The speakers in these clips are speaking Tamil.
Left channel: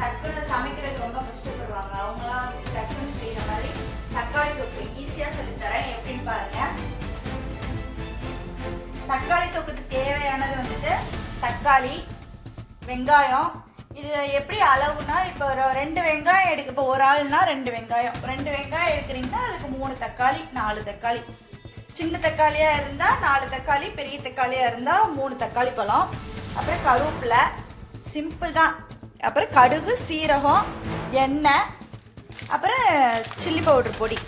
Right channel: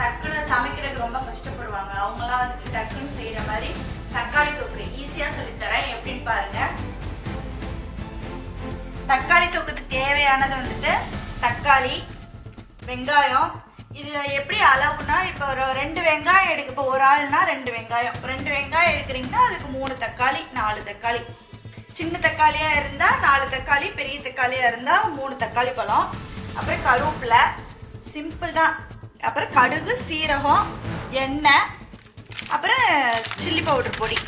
டக்குன்னு சமைக்கிறதுக்கு ரொம்ப கஷ்டப்படுவாங்க. அவங்களாம் வந்துட்டு டக்குன்னு செய்கிற மாதிரி தக்காளி தொக்கு ஈஸியாக சொல்லித்தரேன். எப்படின்னு பாருங்க. தக்காளி தொக்குக்கு தேவையானது வந்துட்டு தக்காளி, வெங்காயம். இது எப்படி அளவுனா, இப்போ 2 வெங்காயம் எடுக்க, இப்போ ஒரு ஆள்னா 2 வெங்காயம், 2 வெங்காயம் எடுக்கிறீங்கன்னா அதுக்கு 3 தக்காளி, 4 தக்காளி. சின்ன தக்காளியாக இருந்தால் 4 தக்காளி, பெரிய தக்காளியாக இருந்தால் 3 தக்காளி பழம். அப்புறம் கருவேப்பிலை, சிம்பிள் தான். அப்புறம் கடுகு, சீரகம், எண்ணெய், அப்புறம் சில்லி பவுடர் பொடி.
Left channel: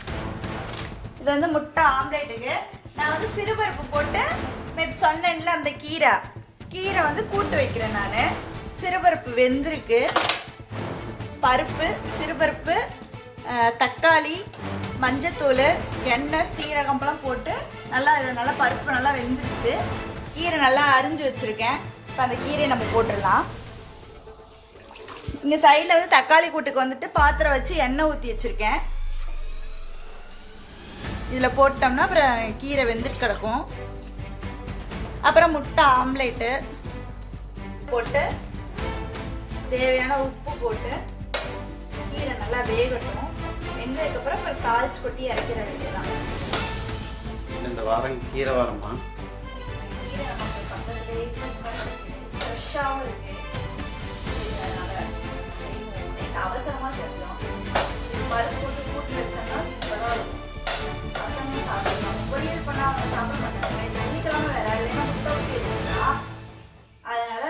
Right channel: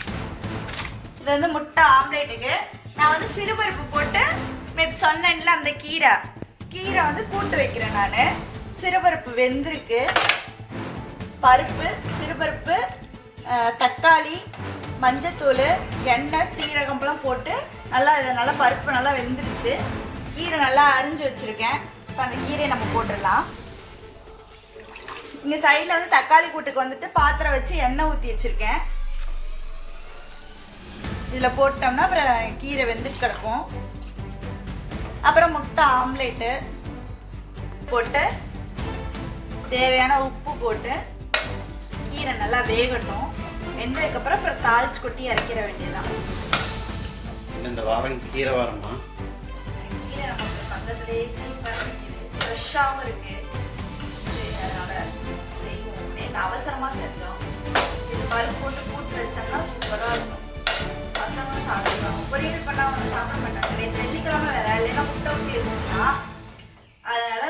இது வந்து முட்டை ஆம்லேட்டுக்கு நான் வந்து சிறுபருப்பு போட்டு சொன்னேன்ல, அந்த கீரை வந்து கூட்டு வைக்கிறேன் நான். சிறுபருப்பு வெந்திருக்கு. பருப்பு, சிறுபருப்பு, தக்காளி, மஞ்சத்தூள், எண்ணெய், சீரகம்லாம் போட்டு நல்லா பருப்பு நல்லா வெந்துருச்சு. கீரை நல்லா அரிஞ்சு வச்சுருக்கேன். இப்போ அந்த கீரையை நம்ம போட்டுடலாம். இங்கே சைடில் வந்து தக்காளி கூட்டுக்கு வந்துட்டு பாத்திரம் வச்சு எண்ணெய் ஊற்றி வச்சுருக்கேன். இதில் போட்டோம்னா அப்புறம் கீரை வெந்துட்டு கிடக்கும். அப்புறம் முட்டை ஆம்லேட்டு போட்டு தேவையான உப்பு போட்டு கீரை நல்லா வேகட்டும். வெந்ததுக்கப்புறம் அப்புறம் தாளிச்சு கொட்டி இறக்கிற வேண்டியதான். இந்த வாரம் கீரை வாரமா? கீரை நமக்கு பக்கத்துலேயே சீப்பாக இருக்குது, ஃப்ரெஷ்ஷாகவும் இருக்குது. அதனால் செய்வோம். நேற்று அவசரமாக செஞ்சோம். இது பருப்பு போட்டு கூட்டி வச்சோம்னா சூப்பராக இருக்கும். பசங்களும் சாப்பிடுவாங்க. பொரியல் பண்ணால் அவங்க சாப்பிட மாட்டாங்க. வெள்ளிக்கிழமை வேற இல்லைன்னா முட்டை ஊற்றி வச்சுருந்தா, அதனால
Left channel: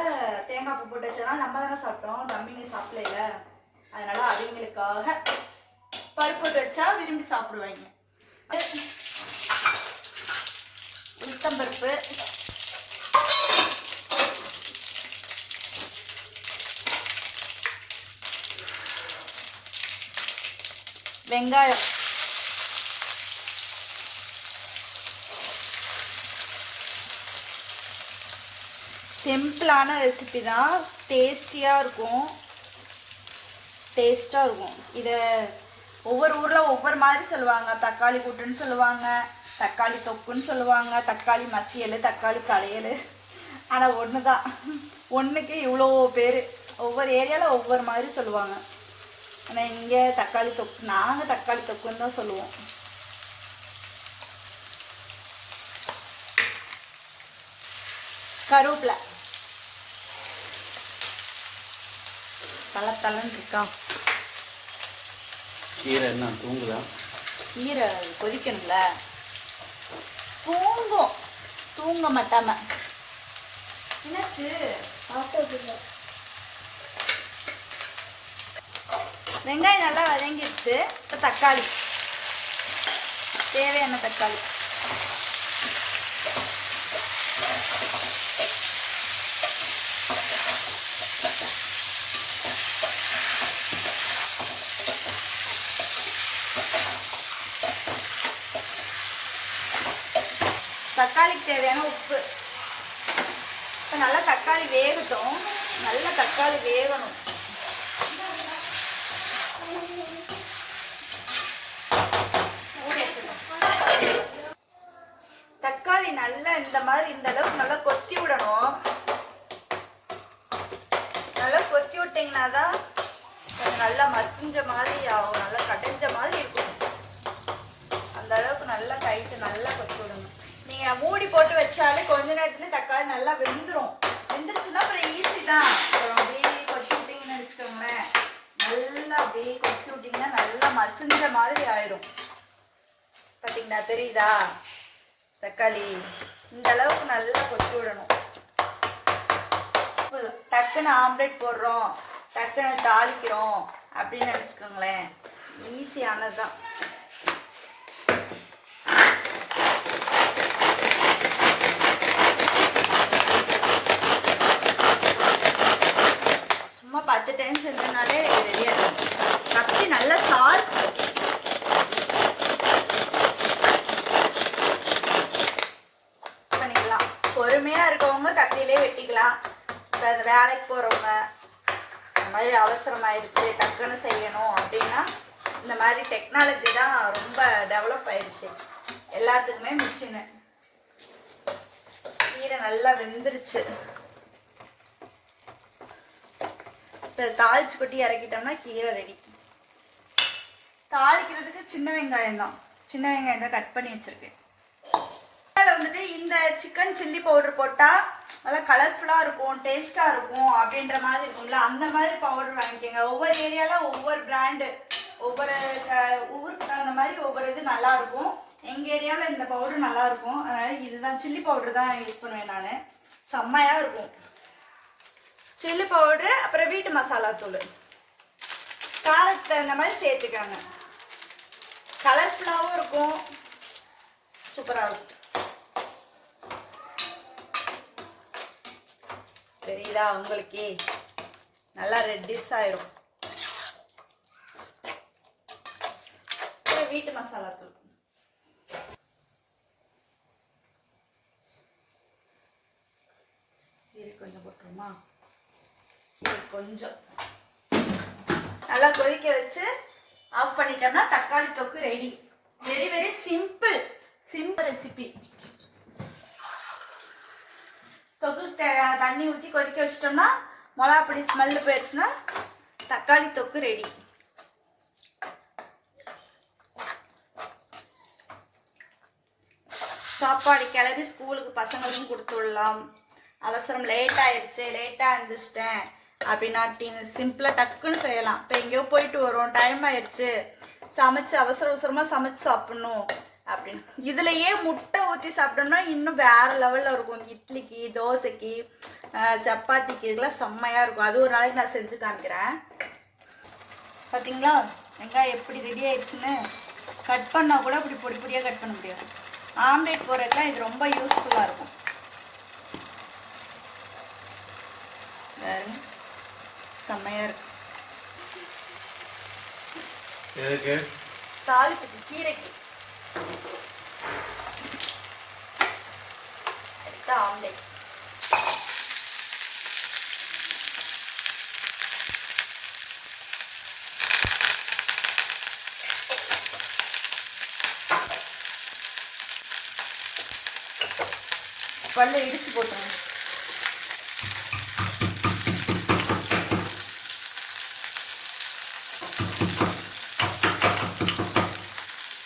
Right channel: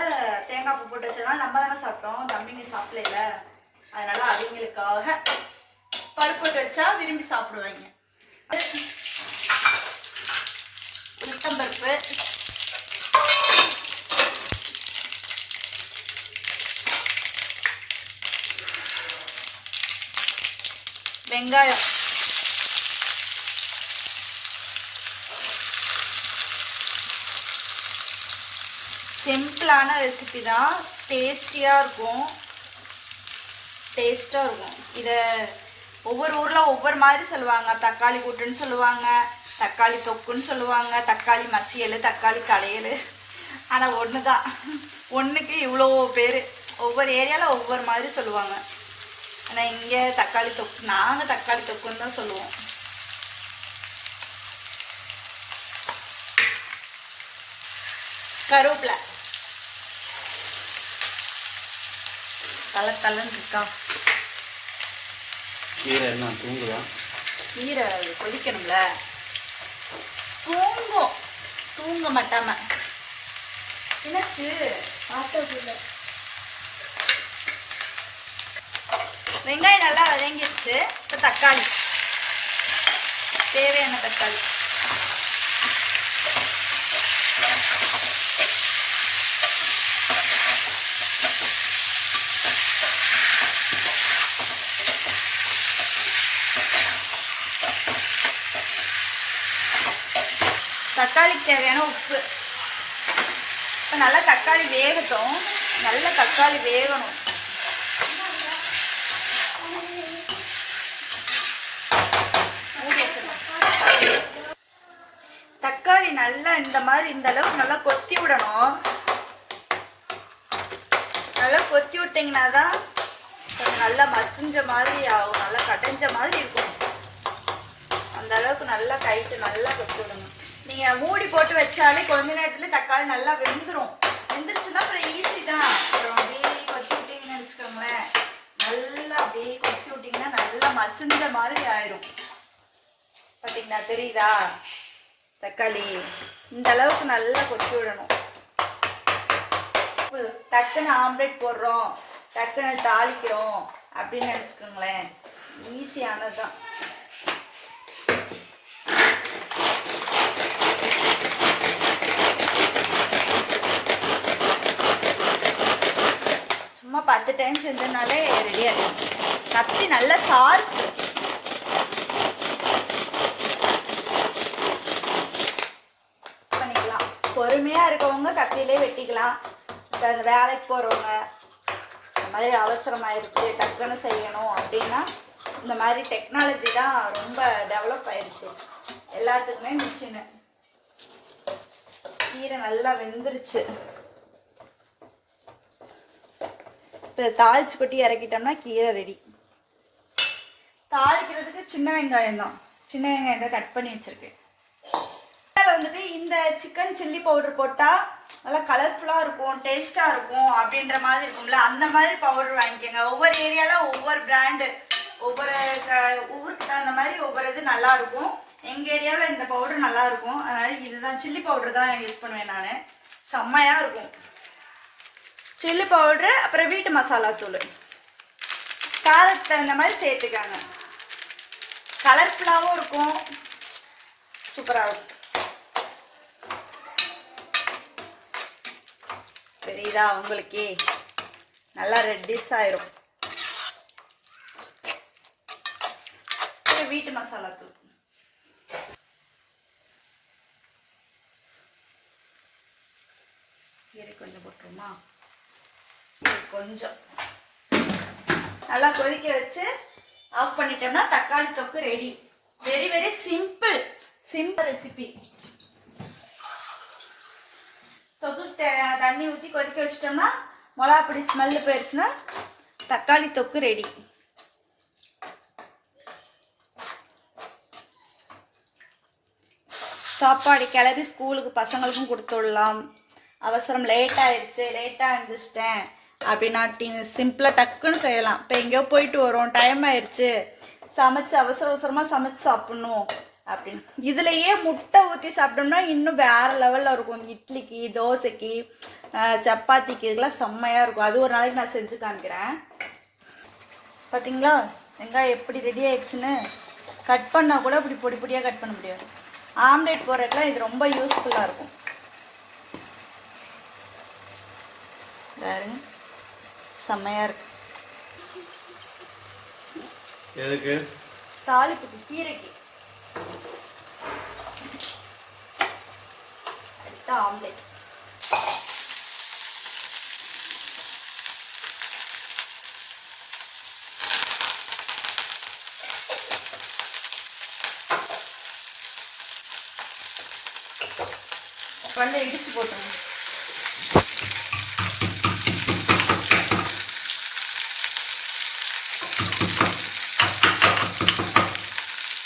தேங்காய் பூ போட்டு வச்சதுனால நம்ம தானே சாப்பிட்டோம், தம்பிங்க சாப்பிடல. அதனால அவங்களுக்காக பருப்பு போட்டு வச்சா விரும்பி சாப்பிடுவாங்க. உளுத்தம்பருப்பு, வெங்காயம், சிம்பிளான ரெசிபி தான். டேஸ்டியாக இருக்கும். இதை ஒவ்வொரு ஊரில் ஒவ்வொரு மாதிரி சொல்லுவாங்க. தக்காளி கூட்டுன்னு சொல்லுவாங்க, தக்காளி தொக்குன்னு சொல்லுவாங்க, தக்காளி மசியல், தக்காளி களையல். ஆனால் ஒன்று தான், ஒன்றுக்கு இவ்வளோ பேர். ஒவ்வொரு ஏரியாவில் ஒவ்வொரு மாதிரி சொல்லுவாங்க. ஆனால் இங்கே தக்காளி தொக்கு, நாங்கள் தக்காளி தொக்குன்னு தான் சொல்லுவோம். கருவேப்பிலை தலன்னு இருக்கா. கீரை என்ன தூங்குதா? கீரை கொதிக்கணும்ல. தூங்க மாட்டாம என்னாச்சு? வெங்காயம் நல்லா வதங்கிடுச்சு. இப்போ தக்காளி, தேவையான தக்காளி. தக்காளிக்கு தேவையான உப்பு. இப்போ நல்லா தக்காளி வேகட்டும். நல்லா தக்காளி வேகணும். தக்காளி நல்லா இந்த அளவுக்கு நல்லா கொத்தி விடணும். நல்லா கொத்தி விட்டிங்கன்னா தான் நல்லா மசிஞ்ச மாதிரி ஆகும், நல்லா கடைஞ்ச மாதிரி இருக்கும். அந்த அளவுக்கு நல்லா கைட்டு நல்லா கொத்தி விடணும். நீங்கள் மூடி போட்டு வச்சாலே கொஞ்ச நேரத்தில் தக்காளி நல்லா வெந்துருச்சுன்னா அப்புறம் ஈஸி தான். அப்புறம் அப்படியே கொத்தி விட்டிங்கன்னு வச்சுக்கோங்களேன், நல்லா அப்படியே கொத்தி விட்டிங்கன்னா நல்லா மசிஞ்ச மாதிரி ஆயிரும். பார்த்தீங்கன்னா தெரியுதா? தக்காளி இந்த அளவுக்கு நல்லா கொத்தி விடணும். டக்குன்னு ஆம்லேட் போடுறோம், டக்குன்னு தாளிக்கிறோம் அப்படின்னு நினச்சிக்கோங்களேன், ஈஸியானது தான். சும்மா 10 டைம் செஞ்சோம்னாலே ரெடியாக இருக்கும். கத்தி நல்லா சார் பண்ணிக்கலாம். பொறுமையாக இருக்கவங்க கத்தியிலே வெட்டிக்கலாம். இப்போ அந்த வேலைக்கு போகிறவங்க, இந்த மாதிரி அவசரமாயிருச்சு டக்குன்னு செய்யணும் அப்படின்னா இந்த மாதிரி டெக்னாலஜி தான் ரொம்ப டெவலப் ஆயிடுச்சு எல்லாத்துக்குமே. மிஷினு. கீரை நல்லா வெந்துருச்சு. இப்போ தாளிச்சு கொட்டி இறக்கிட்டோம்னா கீரை ரெடி. தாளிக்கிறதுக்கு சின்ன வெங்காயம் தான் கட் பண்ணி வச்சிருக்கேன். அதில் வந்துட்டு இந்த சிக்கன் சில்லி பவுடர் போட்டால் நல்லா கலர்ஃபுல்லாக இருக்கும், டேஸ்ட்டாக இருக்கும் அப்படின்ற மாதிரி இருக்கும்ல, அந்த மாதிரி பவுடர் வாங்கிக்கோங்க. ஒவ்வொரு ஏரியாவில் ஒவ்வொரு பிராண்டு, ஒவ்வொரு ஊருக்கு தகுந்த மாதிரி ஒவ்வொரு இது நல்லாயிருக்கும். எங்கள் ஏரியாவில் இந்த பவுடர் நல்லாயிருக்கும், அதனால் இதுதான் சில்லி பவுடர் தான் யூஸ் பண்ணுவேன் நான். செம்மையாக இருக்கும் சில்லி பவுட்ரு. அப்புறம் வீட்டு மசாலா தூள் காரத்துக்கு தகுந்த மாதிரி சேர்த்துக்காங்க. கலர்ஃபுல்லாகவும் இருக்கும், சூப்பராக இருக்கும். தெரியுதா உங்களுக்கே? நல்லா ரெட்டிஷ் ஆயிரும். வீட்டு மசாலா தூள் கொஞ்சம் போட்டுருமா? கொஞ்சம் நல்லா கொதிக்க வச்சு ஆஃப் பண்ணிட்டோம்னா தக்காளி தொக்கு ready. Very very simple recipe. தொக்குக்கு தேவையான தண்ணி ஊற்றி கொதிக்க வச்சிட்டோம்னா மிளகாப்பொடி ஸ்மெல்லு போயிடுச்சுன்னா தக்காளி தொக்கு ரெடி. சாப்பாடு கிளறி ஸ்கூலுக்கு பசங்களுக்கும் கொடுத்து விடலாம். அவசரம் லேட்டாக எழுந்திரிச்சிட்டேன் அப்படின்னா சிம்பிளாக டக்குன்னு செய்யலாம். இப்போ எங்கேயோ போயிட்டு வரோம், டைம் ஆயிடுச்சு, சமைச்சு அவசரமாக சமைச்சு சாப்பிட்ணும் அப்படின்னு இதுலையே முட்டை ஊற்றி சாப்பிட்டோம்னா இன்னும் வேறு லெவலில் இருக்கும். இட்லிக்கு, தோசைக்கு, சப்பாத்திக்கு இதெல்லாம் செம்மையாக இருக்கும். அது ஒரு நாளைக்கு நான் செஞ்சு காமிக்கிறேன். பார்த்தீங்களா வெங்காயம் எப்படி ரெடி ஆயிடுச்சுன்னு? கட் பண்ணால் கூட இப்படி பொடி பொடியாக கட் பண்ண முடியாது. ஆம்லேட் போடுறதுலாம் இது ரொம்ப யூஸ்ஃபுல்லாக இருக்கும். செம்மையாக இருக்கு. எதுக்கு? தாளிப்புக்கு, கீரைக்கு. ஆம்லேட் பல்ல இடிச்சு போட்டுருங்க.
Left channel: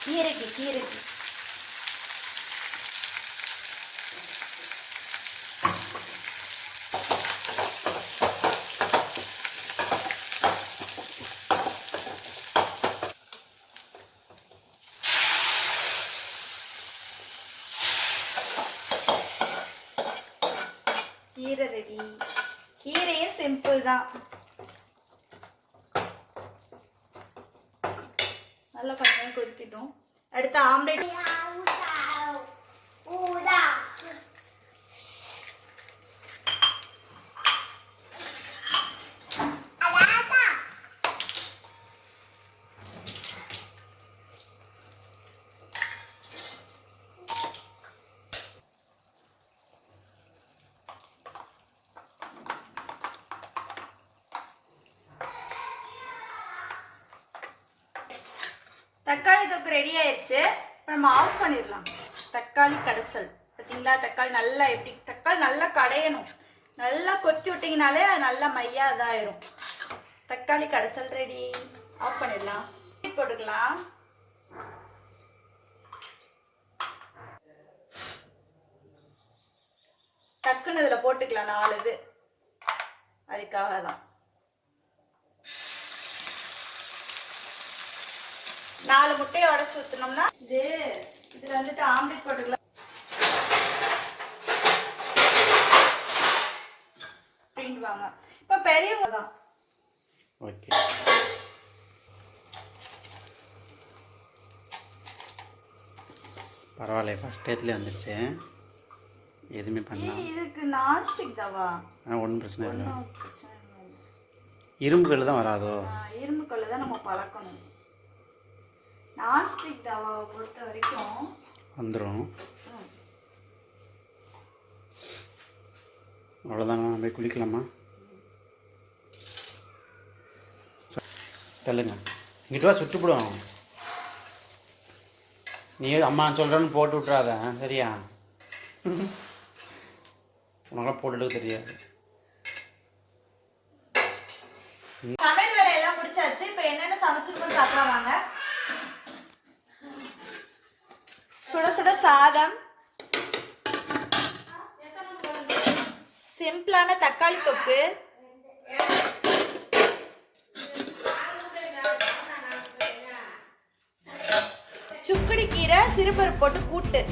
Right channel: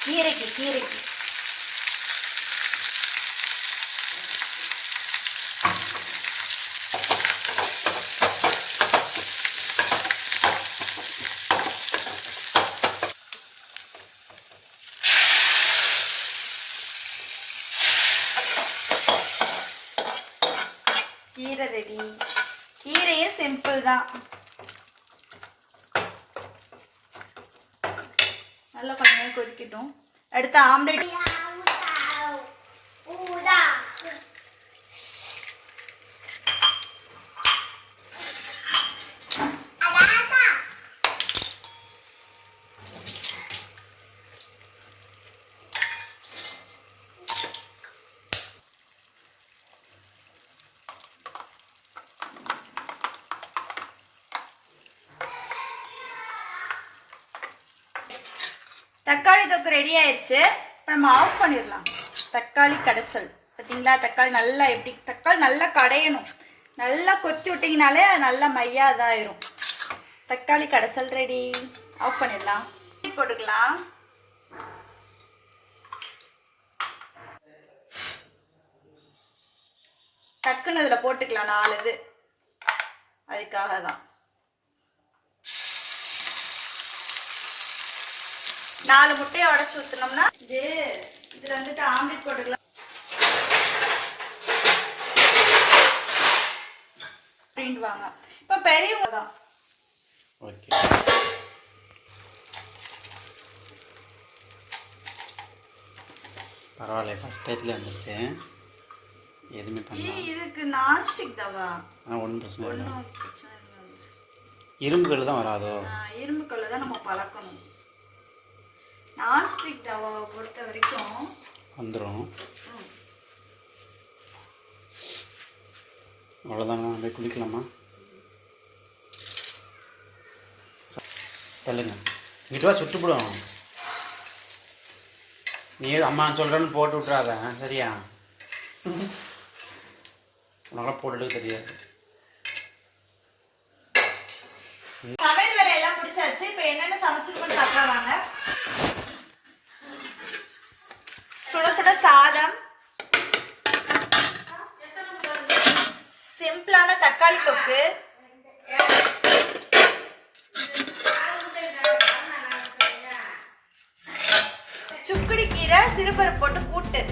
கீரைக்கு கீரை ரெடி. கீரையே சிம்பிள் தான். நல்லா கொஞ்சம் கொதிக்கட்டும். அடுத்து ஆம்லேட். தக்காளி தொக்கு ரெடி ஆயிடுச்சு. இப்போ நம்ம ஆஃப் பண்ணிடலாம். தக்காளி கடைசல் பார்த்தீங்களா? தக்காளி நல்லா கடையணும். நல்லா கொத்தி விட்டிங்கனாலே அது நல்லா மையா இதாயிரும். தக்காளி கடைசல் ரெடி. ஆஃப் பண்ணிடலாம். போட்டுக்கலாம். டக்குன்னு இதில் போட்டுக்கலாம் 4 இது. அதுக்காக தான் 4 முட்டையை உடச்சி ஊற்றினோம்னா இதில் வந்துட்டு ஆம்லேட் போட்டுக்கலாம் அப்படின்வாங்க. இப்போ பெரியவங்க தான். ஓகே, பரவாயில்ல. ஃபஸ்ட் டைத்துல வந்துருச்சு. எதுவுமே பண்ணலாம். இதுக்கு நான்ஸ்டிக் தவா ஒன்றும் பிரச்சனை இல்லை. இரும்பு கல் தான் வராதோ? இரும்பு கல் தான் நம்ம பழக்கணும். நான்ஸ்டிக் தவாவை பொறுத்த வரைக்கும் வந்துடும். அவ்வளோதானா? போய் குளிக்கலாமா? தள்ளுங்க. இங்கிட்ட சுட்டுப்படும். நீ அம்மா சொல்கிறேன்னு போட்டு விட்றாத, சரியா? உனக்கெல்லாம் போட்டுட்டு தெரியாது. சமையல் வேலையெல்லாம் முடிச்சாச்சு. இப்போ என்னென்ன சமைச்சிருக்கோன்னு பார்க்கலாம் வாங்க. சுட சுட சாதம், சிம்பிளான தக்காளி தொக்கு, சுக்குடி கீரை சிறுபருப்பு போட்டு கூட்டு,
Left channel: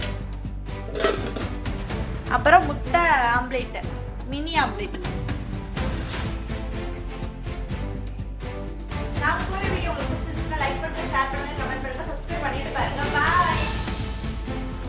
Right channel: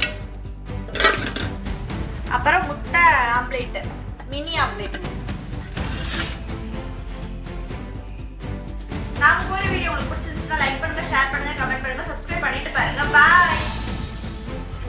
அப்புறம் முட்டை ஆம்லேட், மினி ஆம்லேட். நாங்க போற வீடியோ உங்களுக்கு பிடிச்சிருந்துச்சுன்னா லைக் பண்ணுங்க, ஷேர் பண்ணுங்க, கமெண்ட் பண்ணுங்க, சப்ஸ்கிரைப் பண்ணிட்டு பாருங்க. பாய்.